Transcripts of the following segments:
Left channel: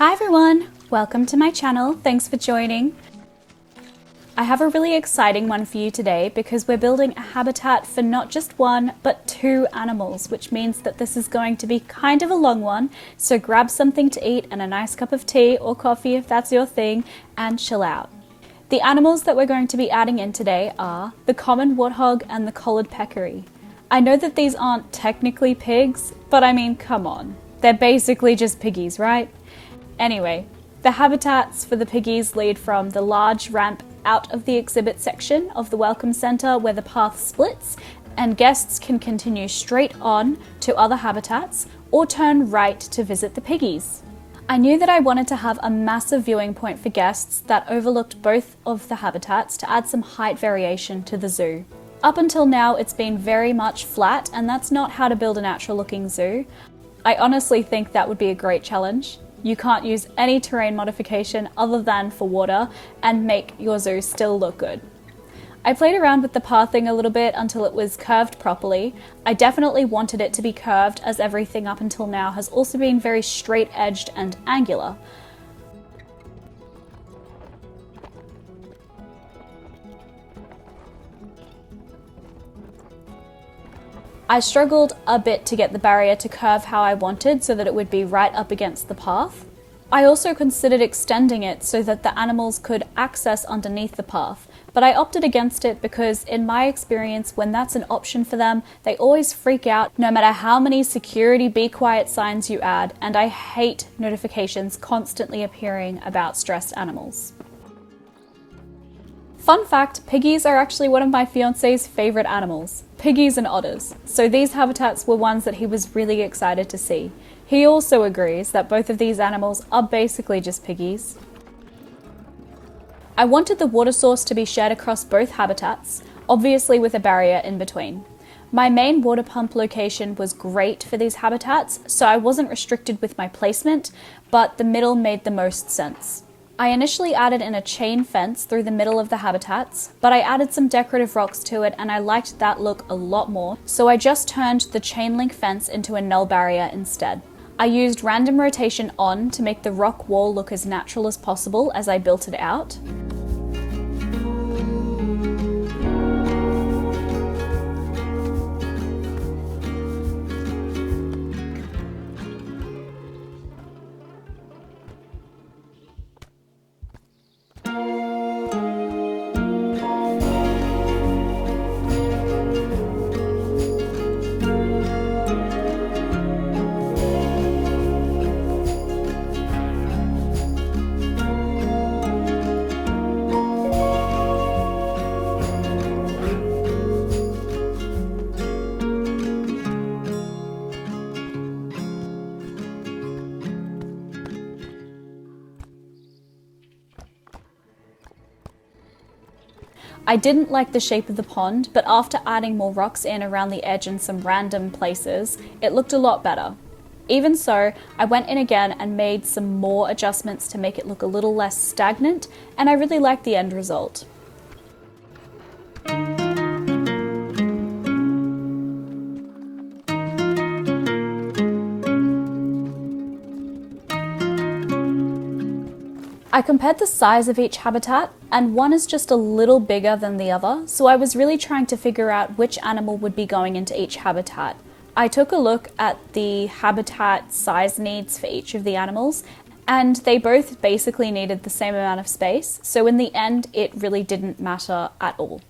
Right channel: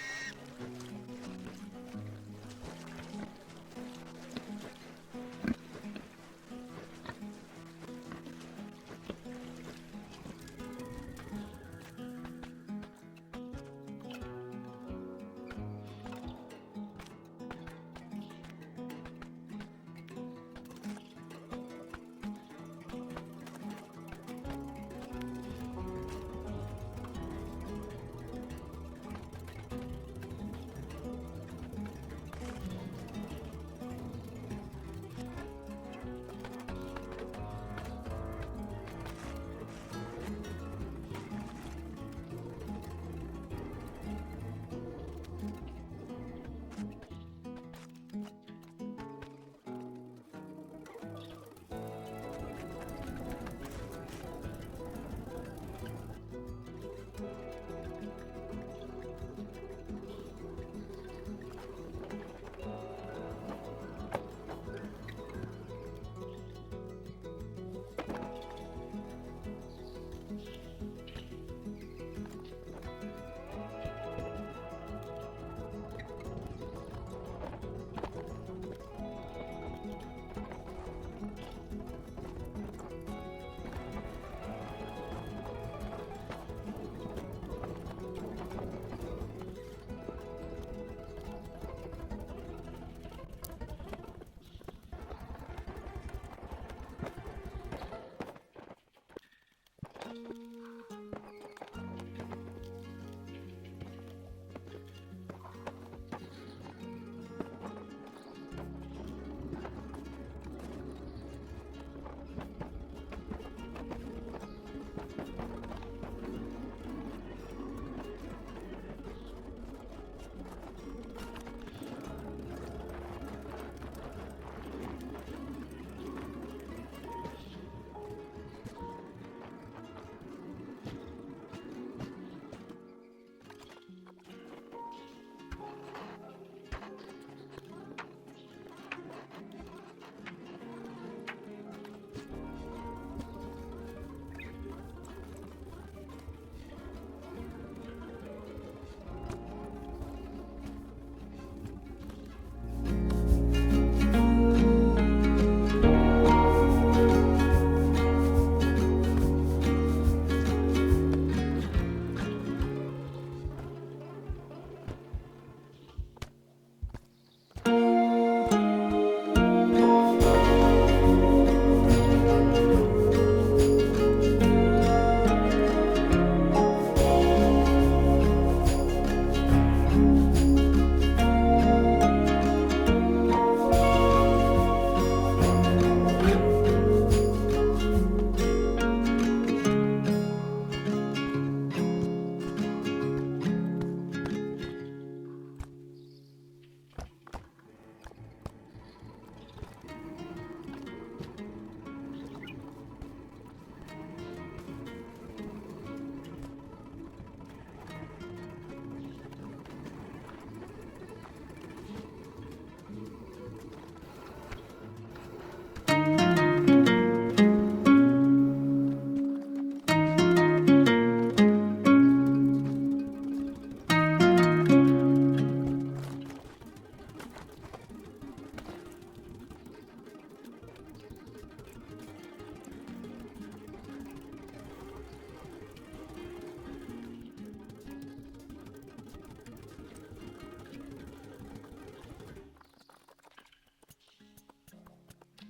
Hi everyone, welcome to my channel. Thanks for joining. I have a really exciting one for you today because we're building a habitat for not just one, but two animals, which means that this is going to be kind of a long one. So grab something to eat and a nice cup of tea or coffee if that's your thing, and chill out. The animals that we're going to be adding in today are the Common Warthog and the Collared Peccary. I know that these aren't technically pigs, but I mean, come on. They're basically just piggies, right? Anyway, the habitats for the piggies lead from the large ramp out of the exhibit section of the Welcome Centre where the path splits, and guests can continue straight on to other habitats or turn right to visit the piggies. I knew that I wanted to have a massive viewing point for guests that overlooked both of the habitats to add some height variation to the zoo. Up until now, it's been very much flat, and that's not how to build a natural looking zoo. I honestly think that would be a great challenge. You can't use any terrain modification other than for water and make your zoo still look good. I played around with the pathing a little bit until it was curved properly. I definitely wanted it to be curved, as everything up until now has also been very straight edged and angular. I struggled a bit to get the barrier to curve how I wanted so that it would be right up against the path. I also considered extending it so that the animals could access underneath the path, but I opted against it because in my experience, when that's an option for them, they always freak out no matter how many security be quiet signs you add, and I hate notifications constantly appearing about stressed animals. Fun fact, piggies are actually one of my fiance's favourite animals. Piggies and otters. So these habitats were ones that he was really excited to see. He also agrees that both of these animals are basically just piggies. I wanted the water source to be shared across both habitats, obviously with a barrier in between. My main water pump location was great for these habitats, so I wasn't restricted with my placement, but the middle made the most sense. I initially added in a chain fence through the middle of the habitats, but I added some decorative rocks to it and I liked that look a lot more, so I just turned the chain link fence into a null barrier instead. I used random rotation on to make the rock wall look as natural as possible as I built it out. I didn't like the shape of the pond, but after adding more rocks in around the edge and some random places, it looked a lot better. Even so, I went in again and made some more adjustments to make it look a little less stagnant, and I really liked the end result. I compared the size of each habitat, and one is just a little bigger than the other, so I was really trying to figure out which animal would be going into each habitat. I took a look at the habitat size needs for each of the animals, and they both basically needed the same amount of space, so in the end it really didn't matter at all.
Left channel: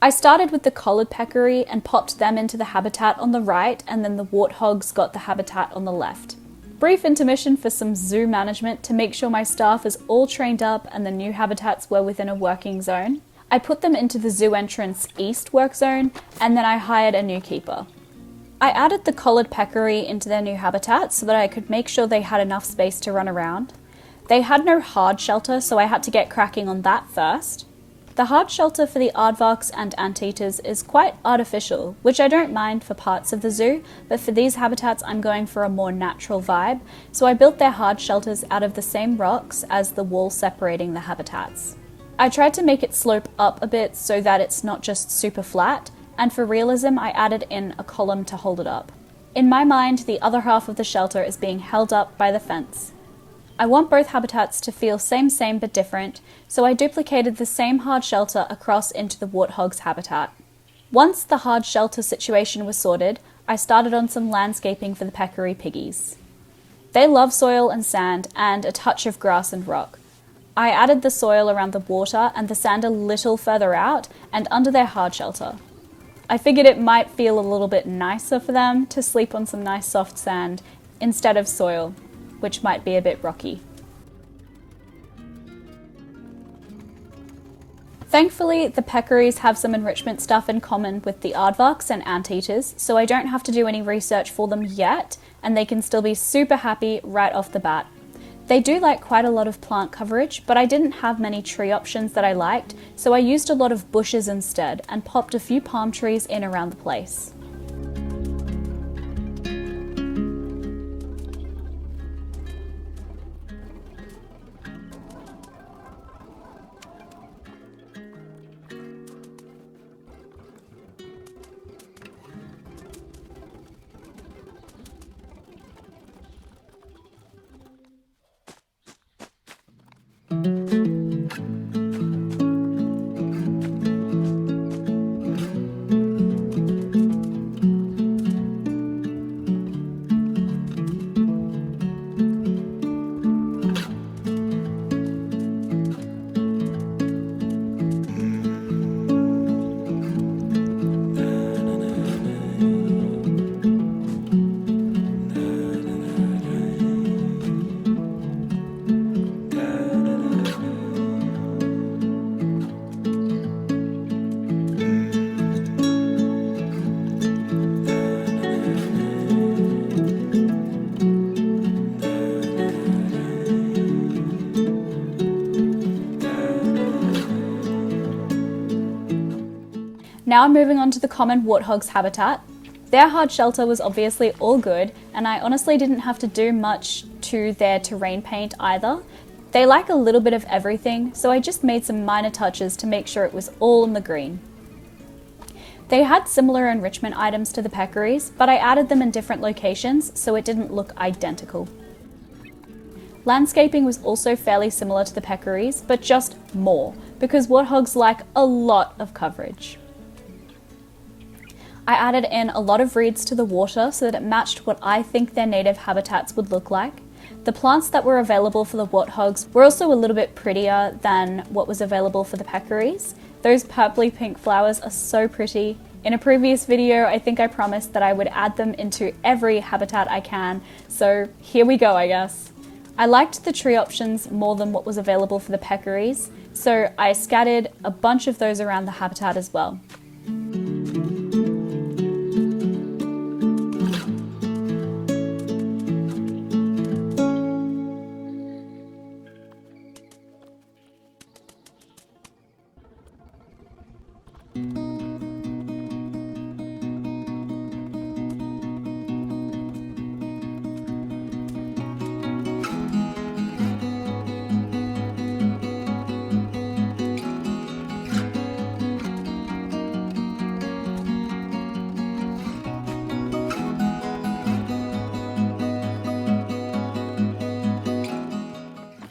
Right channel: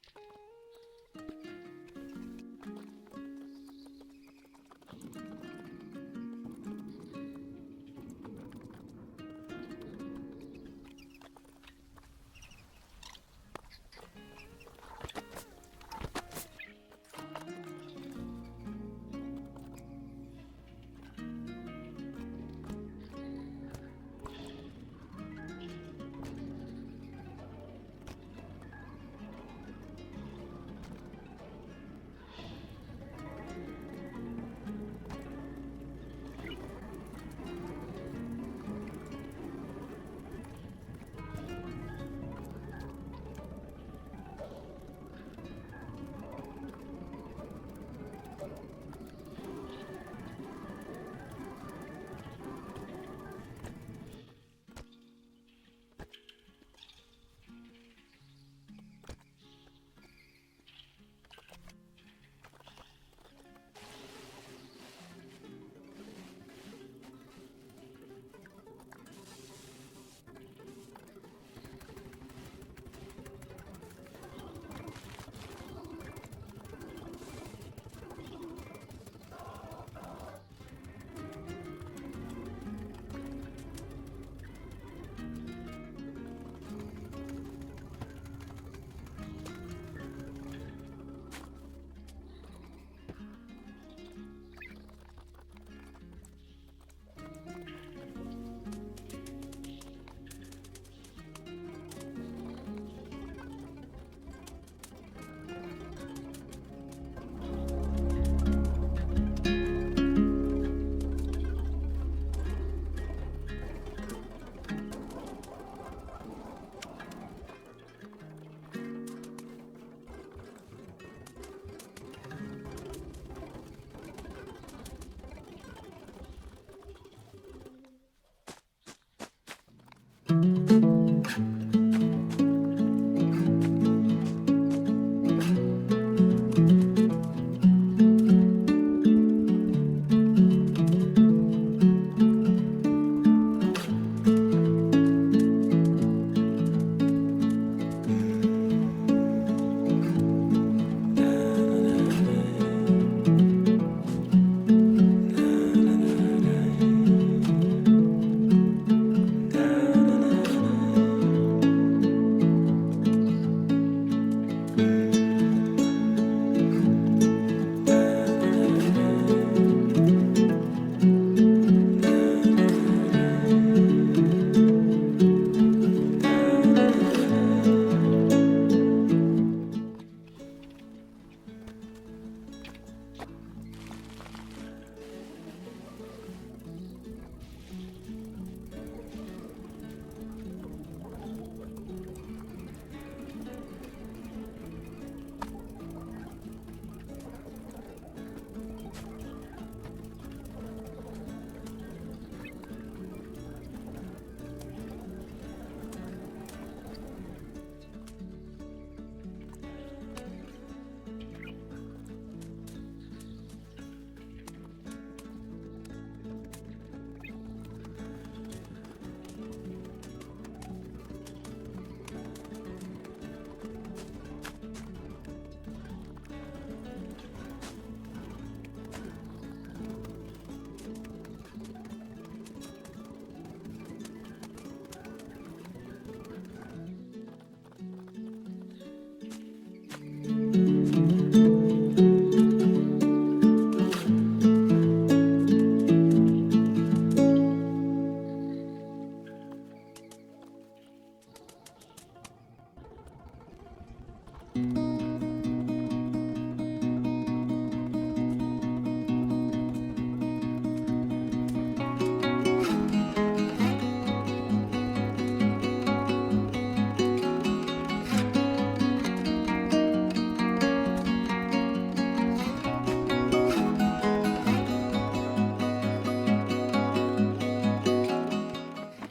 I started with the Collared Peccary and popped them into the habitat on the right, and then the warthogs got the habitat on the left. Brief intermission for some zoo management to make sure my staff is all trained up and the new habitats were within a working zone. I put them into the zoo entrance east work zone, and then I hired a new keeper. I added the Collared Peccary into their new habitat so that I could make sure they had enough space to run around. They had no hard shelter, so I had to get cracking on that first. The hard shelter for the aardvarks and anteaters is quite artificial, which I don't mind for parts of the zoo, but for these habitats I'm going for a more natural vibe, so I built their hard shelters out of the same rocks as the wall separating the habitats. I tried to make it slope up a bit so that it's not just super flat, and for realism I added in a column to hold it up. In my mind, the other half of the shelter is being held up by the fence. I want both habitats to feel same but different, so I duplicated the same hard shelter across into the warthog's habitat. Once the hard shelter situation was sorted, I started on some landscaping for the peccary piggies. They love soil and sand and a touch of grass and rock. I added the soil around the water and the sand a little further out and under their hard shelter. I figured it might feel a little bit nicer for them to sleep on some nice soft sand instead of soil, which might be a bit rocky. Thankfully, the peccaries have some enrichment stuff in common with the aardvarks and anteaters, so I don't have to do any research for them yet, and they can still be super happy right off the bat. They do like quite a lot of plant coverage, but I didn't have many tree options that I liked, so I used a lot of bushes instead and popped a few palm trees in around the place. Now I'm moving on to the common warthog's habitat. Their hard shelter was obviously all good, and I honestly didn't have to do much to their terrain paint either. They like a little bit of everything, so I just made some minor touches to make sure it was all in the green. They had similar enrichment items to the peccaries, but I added them in different locations so it didn't look identical. Landscaping was also fairly similar to the peccaries, but just more, because warthogs like a lot of coverage. I added in a lot of reeds to the water so that it matched what I think their native habitats would look like. The plants that were available for the warthogs were also a little bit prettier than what was available for the peccaries. Those purpley pink flowers are so pretty. In a previous video, I think I promised that I would add them into every habitat I can, so here we go, I guess. I liked the tree options more than what was available for the peccaries, so I scattered a bunch of those around the habitat as well.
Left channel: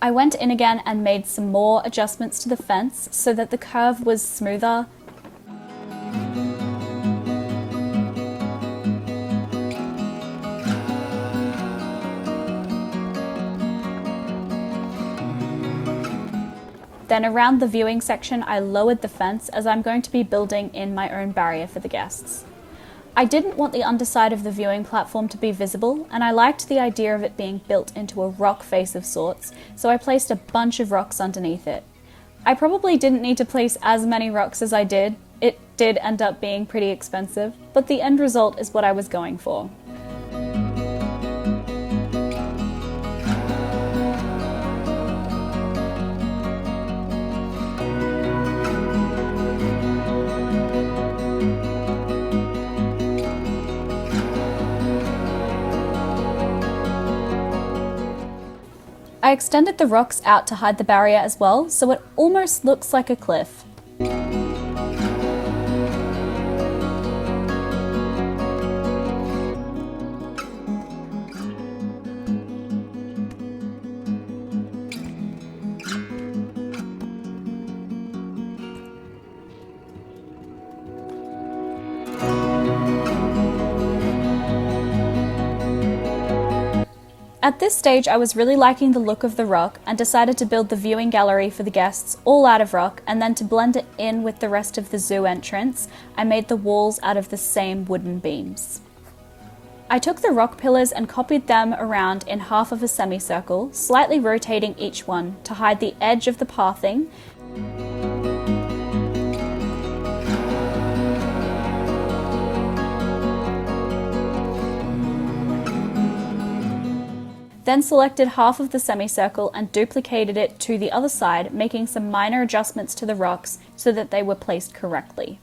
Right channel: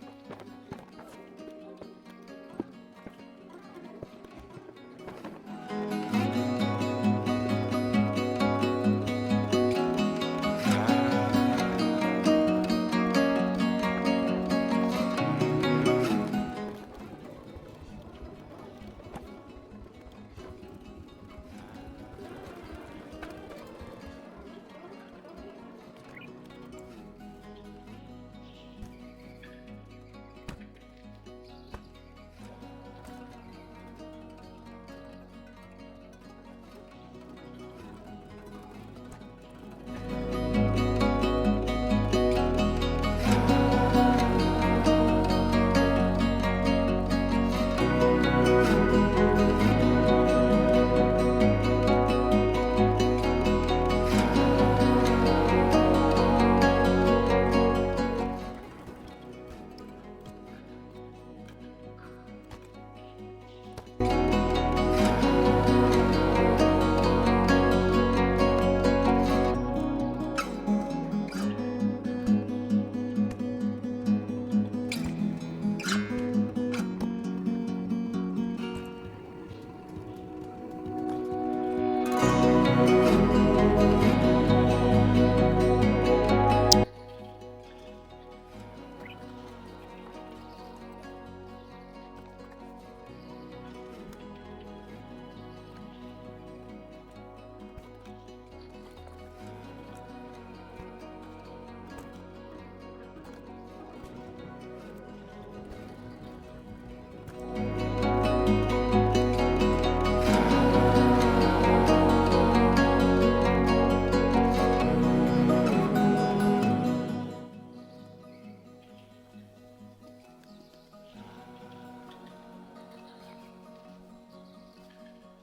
I went in again and made some more adjustments to the fence so that the curve was smoother. Then around the viewing section, I lowered the fence as I'm going to be building in my own barrier for the guests. I didn't want the underside of the viewing platform to be visible, and I liked the idea of it being built into a rock face of sorts, so I placed a bunch of rocks underneath it. I probably didn't need to place as many rocks as I did. It did end up being pretty expensive, but the end result is what I was going for. I extended the rocks out to hide the barrier as well, so it almost looks like a cliff. At this stage, I was really liking the look of the rock and decided to build the viewing gallery for the guests all out of rock, and then to blend it in with the rest of the zoo entrance, I made the walls out of the same wooden beams. I took the rock pillars and copied them around in half of a semicircle, slightly rotating each one to hide the edge of the pathing. Then selected half of the semicircle and duplicated it to the other side, making some minor adjustments to the rocks so that they were placed correctly.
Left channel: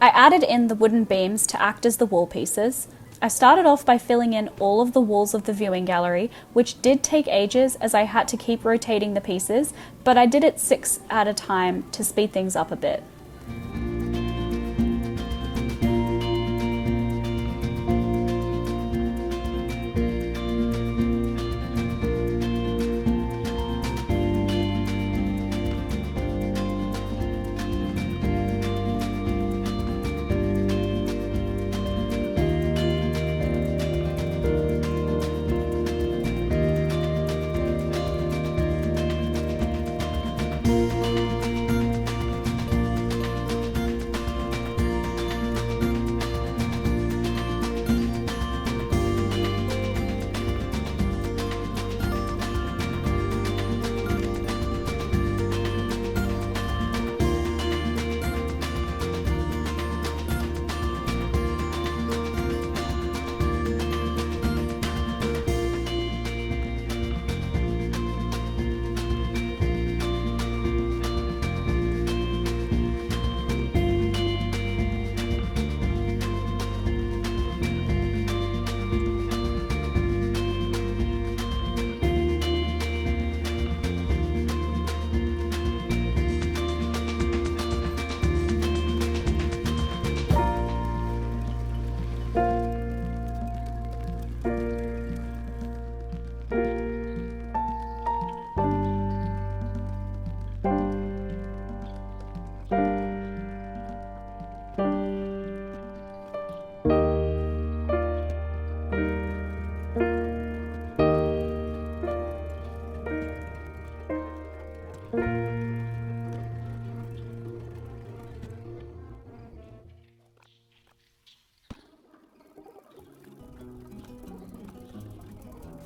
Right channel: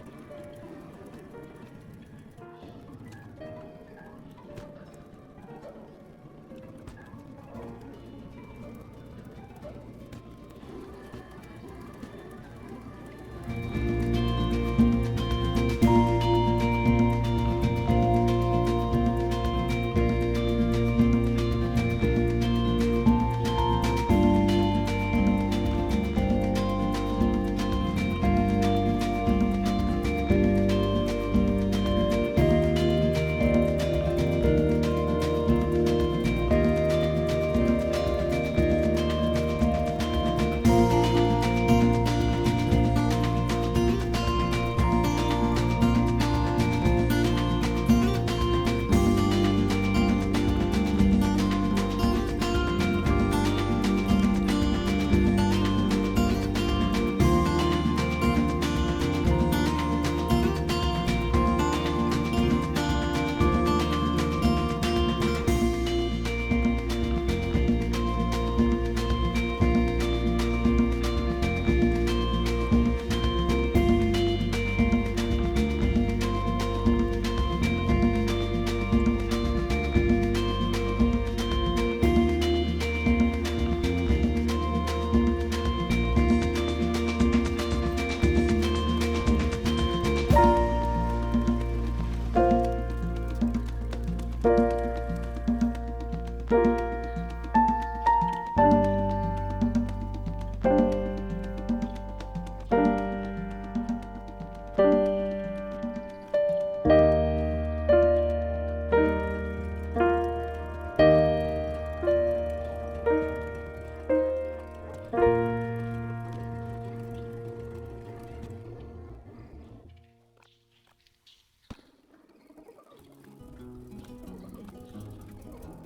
I added in the wooden beams to act as the wall pieces. I started off by filling in all of the walls of the viewing gallery, which did take ages as I had to keep rotating the pieces, but I did it 6 at a time to speed things up a bit.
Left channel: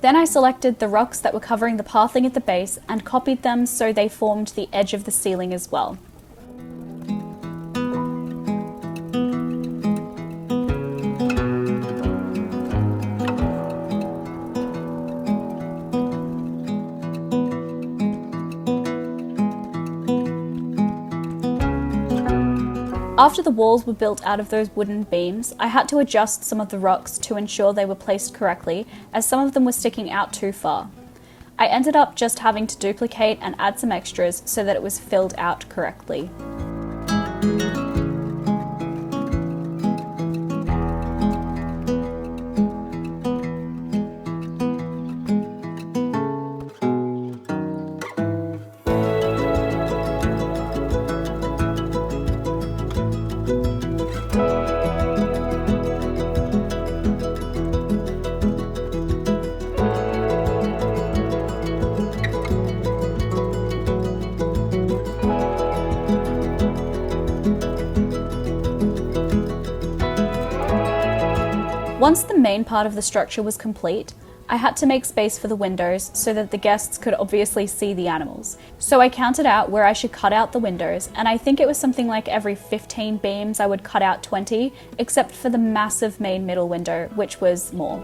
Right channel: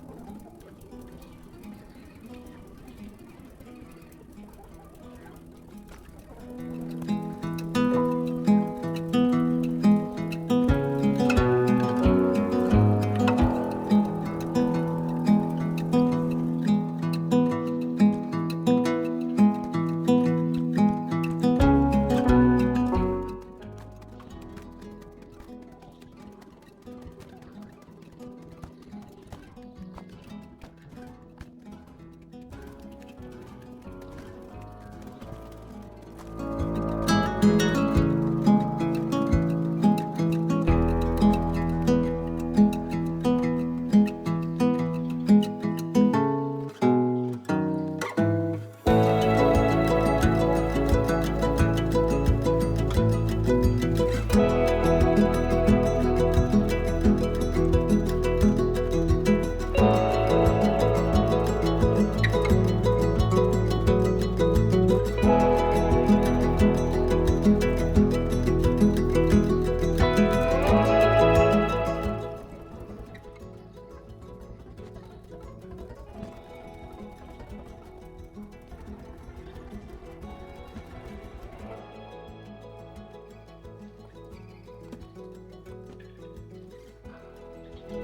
Then I selected the rocks that were covering the pathing at the base and copied them so they formed the edge of the ceiling as well. After the walls were built out of those wooden beams, I had to adjust some of the rocks to ensure they were placed correctly, as some of them were sticking out too far. I ended up just having to duplicate and add some extras so that it was filled out correctly. Once the main part of the structure was complete, I had to make space for the windows so that the guests could obviously see the animals. So I counted out where I should cut out the windows, and I think it was something like every 15 beams I would cut out 20, except for the massive main middle window, which was more.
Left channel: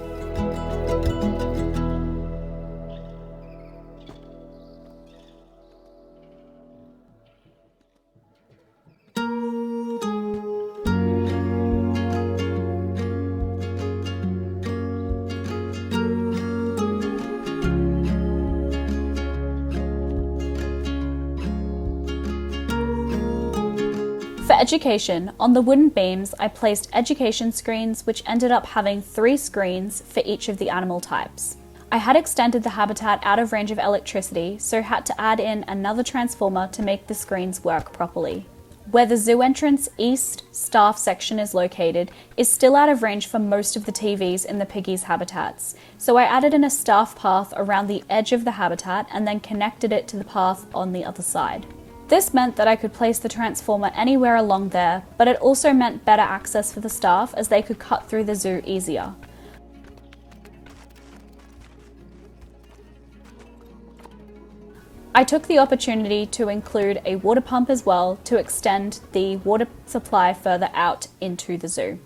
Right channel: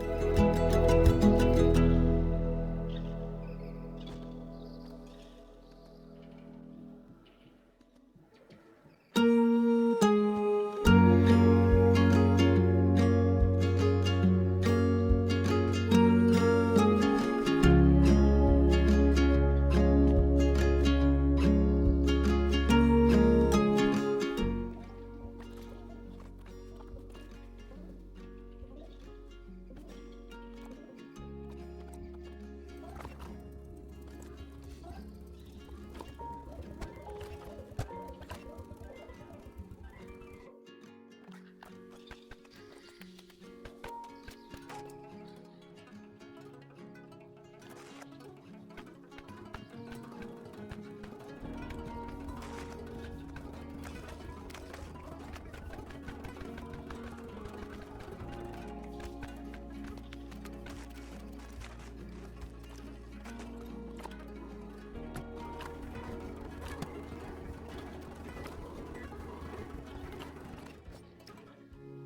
Education. On the wooden beams, I placed education screens, which ended up having 3 screens for each of the animal types. I had extended the habitat out of range of electricity, so had to add in another transformer to make the screens work properly. Where the zoo entrance east staff section is located is still out of range for most of the TVs in the Piggies habitats, so I added in a staff path around the edge of the habitat and then connected it to the path on the other side. This meant that I could place the transformer anywhere along there, but it also meant better access for the staff as they could cut through the zoo easier. I took the opportunity to include a water pump as well to extend the water supply further out into the zoo.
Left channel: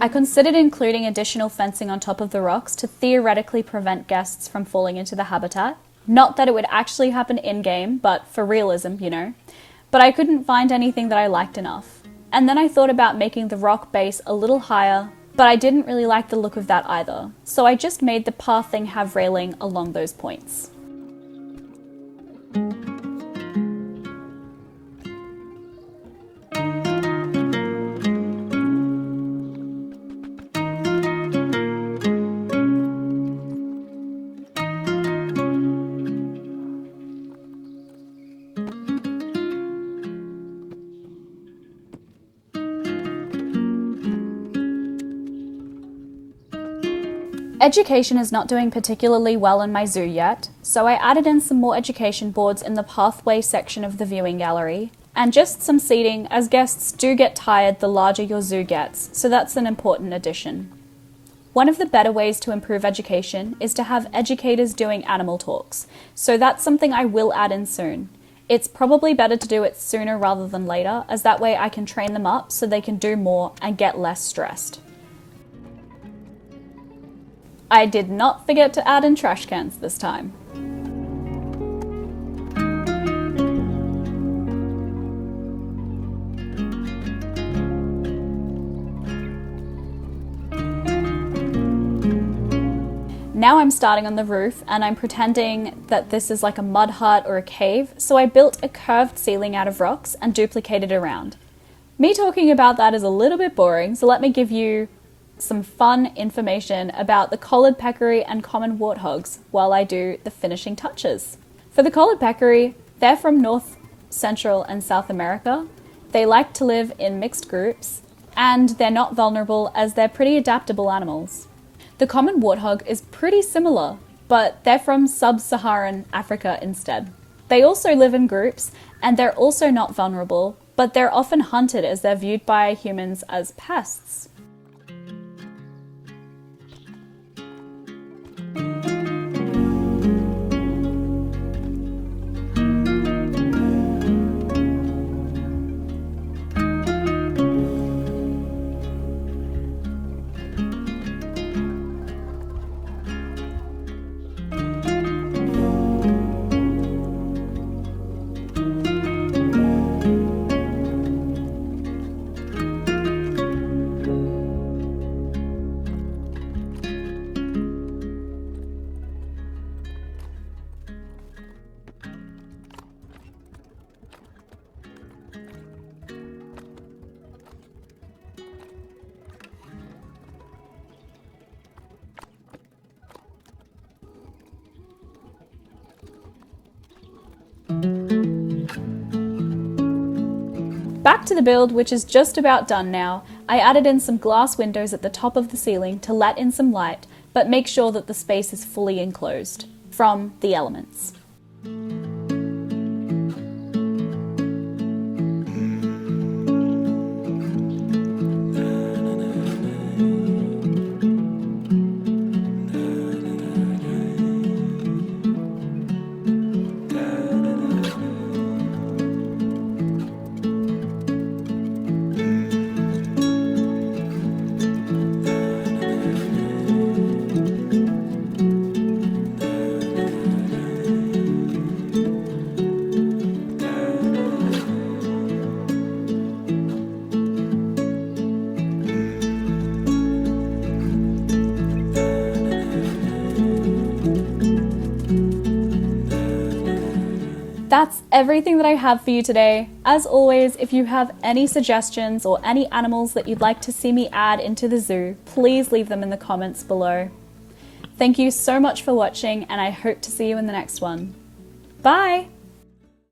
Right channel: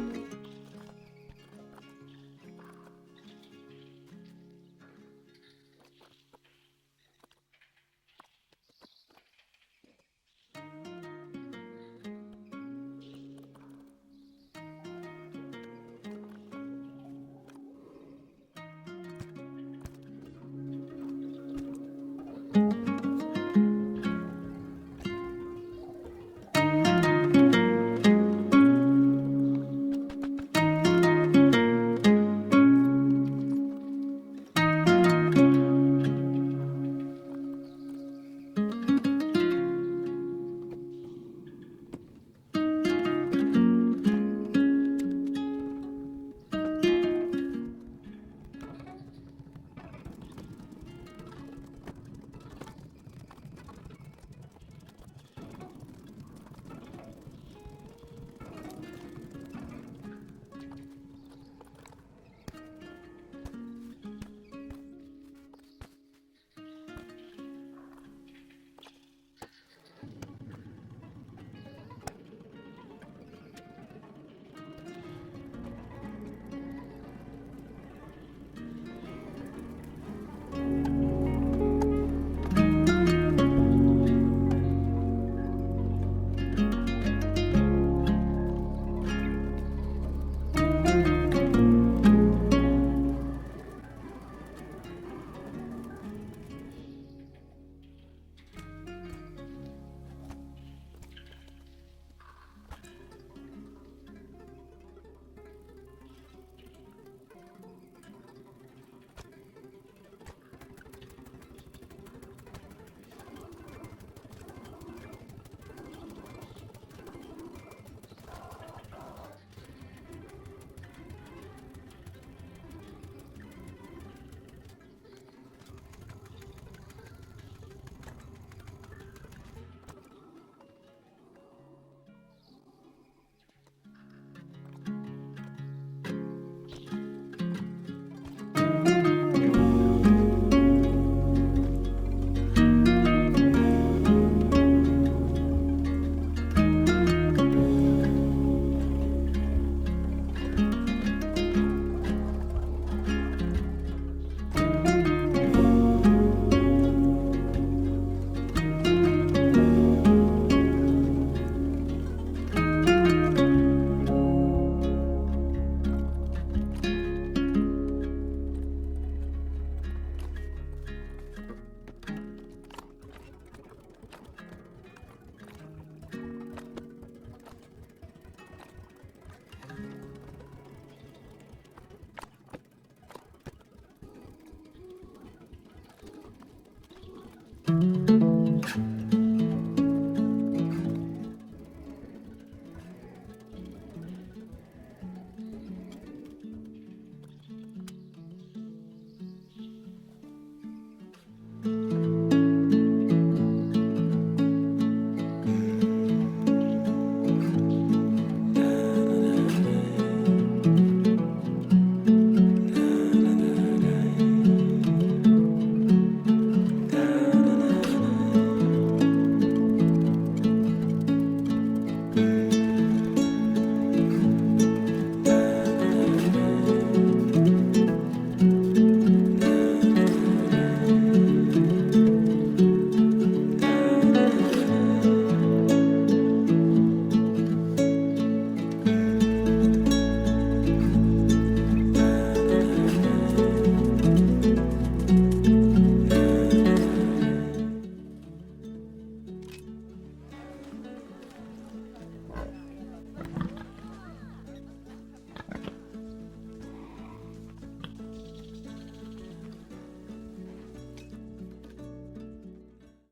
I considered including additional fencing on top of the rocks to theoretically prevent guests from falling into the habitat. Not that it would actually happen in-game, but for realism, you know. But I couldn't find anything that I liked enough. And then I thought about making the rock base a little higher, but I didn't really like the look of that either. So I just made the pathing have railing along those points. Education is not doing particularly well in my zoo yet, so I added in some more education boards in the pathway section of the viewing gallery, and just some seating as guests do get tired the larger your zoo gets, so that's an important addition. One of the better ways to improve education is to have educators doing animal talks, so that's something I will add in soon. It's probably better to do it sooner rather than later, as that way I can train them up so they can do more and get less stressed. I did not forget to add in trash cans this time. Now I'm starting on the roof and I'm pretending that this is like a mud hut or a cave, so I built a curved ceiling out of rocks and duplicated around. Me talking about that is a little bit boring, so let me give you some fun information about the Collared Peccary and Common Warthogs while I do the finishing touches. For the Collared Peccary, they're from North, Central and South America. They like to live in mixed groups and they're not vulnerable as they're pretty adaptable animals. The Common Warthog is pretty similar, but they're from sub-Saharan Africa instead. They also live in groups and they're also not vulnerable, but they're often hunted as they're viewed by humans as pests. Back to the build, which is just about done now. I added in some glass windows at the top of the ceiling to let in some light, but make sure that the space is fully enclosed from the elements. everything that I have for you today. As always, if you have any suggestions or any animals that you'd like to see me add into the zoo, please leave them in the comments below. Thank you so much for watching, and I hope to see you in the next one. Bye!